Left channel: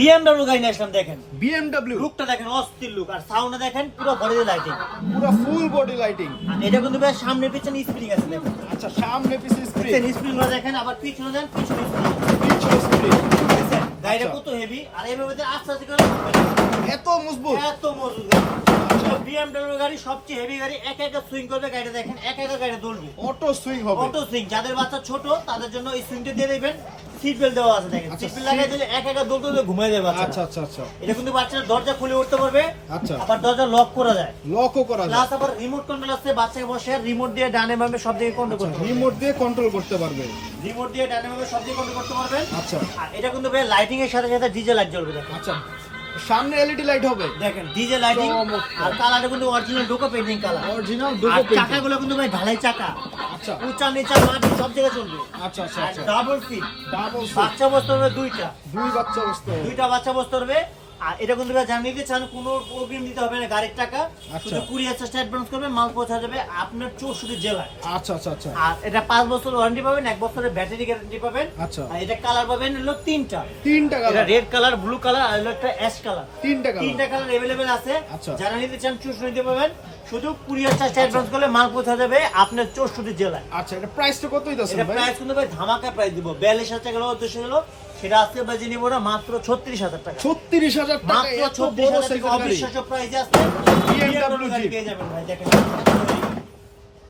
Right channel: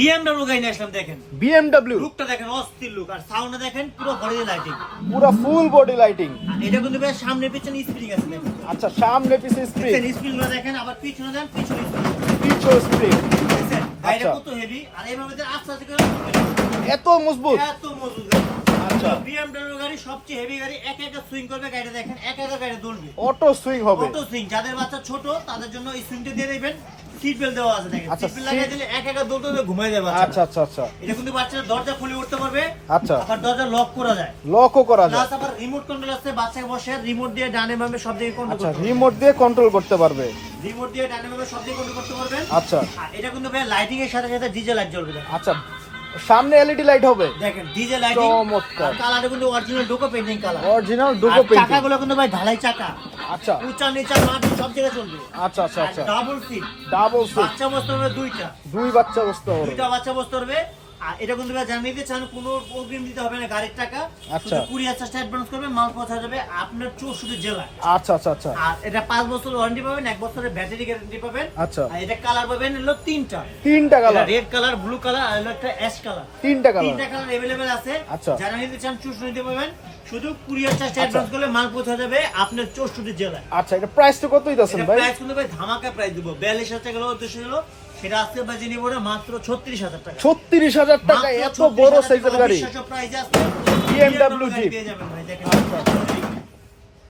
BMW গাড়ি নিয়ে আসলাম দেখেন। BMW লুকটা দেখেন, অস্থির লুক, আর সাউন্ড দেখেন পুরো বডি লাইটিং, পুরো ফুল বডি লাইটিং। এটা কিন্তু ভাই সামনে পিছনে স্প্রিং আছে দেখেন। আচ্ছা, সামনে পিছে স্প্রিং, দেখেন স্প্রিং গুলো দেখেন, আবার পিছনে দেন পিছনে স্প্রিং, পিছে স্প্রিং। দেখেন গাড়িটা আচ্ছা। কত হেভি, আর এইভাবে আস্তে আস্তে করে এত মজবুত। এত মজবুত। BMW গাড়ি সবচেয়ে হেভি গাড়ি, একা একা সুইং করবে গাড়িটা দেখেন, একা একা গাড়ি দৌড়বে, অটো সুইং হবে। Auto swing. যাদের বাচ্চা ছোট তাদের জন্য এই সুইংটা দিয়ে দিবেন, সিট বেল্ট দেওয়া আছে দেখেন, আচ্ছা, সিট বেল্ট লাগাই দিলে একা একা দৌড়তে দৌড়তে ঘুমায় যাবে বাচ্চা। আচ্ছা আচ্ছা আচ্ছা, এটা কিন্তু বাচ্চার দরজা খুলে উঠতে পারবে, আচ্ছা, আবার দরজা লক করা যায়, লকও করা যায়। প্লাস আবার রিমোট কন্ট্রোল আছে, বাচ্চাকে বসে রিমোট দিয়ে ডানে বামে সব দিকে কন্ট্রোল আচ্ছা, করতে পারবে, রিমোট দিয়ে কন্ট্রোল করতে পারবে। রিমোট দিয়ে ডানে বামে সব দিকে কন্ট্রোল করতে পারবেন। আচ্ছা আর এটা কিন্তু ভাই লাইটিং এর সাথে সাথে ডিজে লাইট জ্বলবে দেখেন। আচ্ছা, সামনে এলইডি লাইট হবে দেখেন ডিজে লাইটিং, চমৎকার। আর কালারটা কিন্তু অরিজিনাল ডোকো পেইন্টিং কালার, অরিজিনাল আর ডুকো পেইন্টিং। চাকাগুলো কিন্তু ভাই ঢালাই চাকা, আচ্ছা উঁচা নিচা মাটি সব জায়গায় চলবে। আচ্ছা আচ্ছা আচ্ছা, ডাবল সিট, ডাবল সিট, বাচ্চা বসতে হবে দুইটা, দুই বাচ্চা বসতে হবে। দুইটা বাচ্চা বসতে হবে। আর এটা কিন্তু ভাই জানিয়ে দিতে চান, কোনো অগ্রিম দিতে হবে না গাড়ির টাকা, আচ্ছা। শুধু 20,000 টাকা অ্যাডভান্স করবে, মাল পৌঁছা যাবে আপনার 64 জেলায়। আচ্ছা আচ্ছা আচ্ছা আর এটা 5 বছর ওয়ারেন্টি পাবেন, 1 বছরের ব্যাটারি গ্যারান্টি পাবেন। আচ্ছা, আর এটা কালার পাবেন হলো তিনটা, তিনটা এটা colour, red colour, blue colour, আর হলো একটা অ্যাশ কালার। তিনটা তিনটা কালার। কালার अवेलेबल আছে। আচ্ছা। যারা নিতে চান 64 নিতে পাবেন, শুধু 20,000 টাকা অ্যাডভান্স করলে মাল পৌঁছা যাবে আপনার 64 জেলায়। আচ্ছা, এটা প্রাইসটা কত দিতেছেন এটা ভাই? প্রাইস কিন্তু ভাই ধামাকা প্রাইস দিব, 42,000 টাকা হলো উদ্দেশ্য হলো, সেটা আজকে বাজে নিব না মাত্র 36,000 টাকা। 36,000 টাকা মাত্র এত বড় 36,000 সাইকেল টাকা গাড়ি। অবিশ্বাস্য প্রাইস আছে, BMW BMW গাড়ি পেয়ে যাবেন ভাই দেখেন।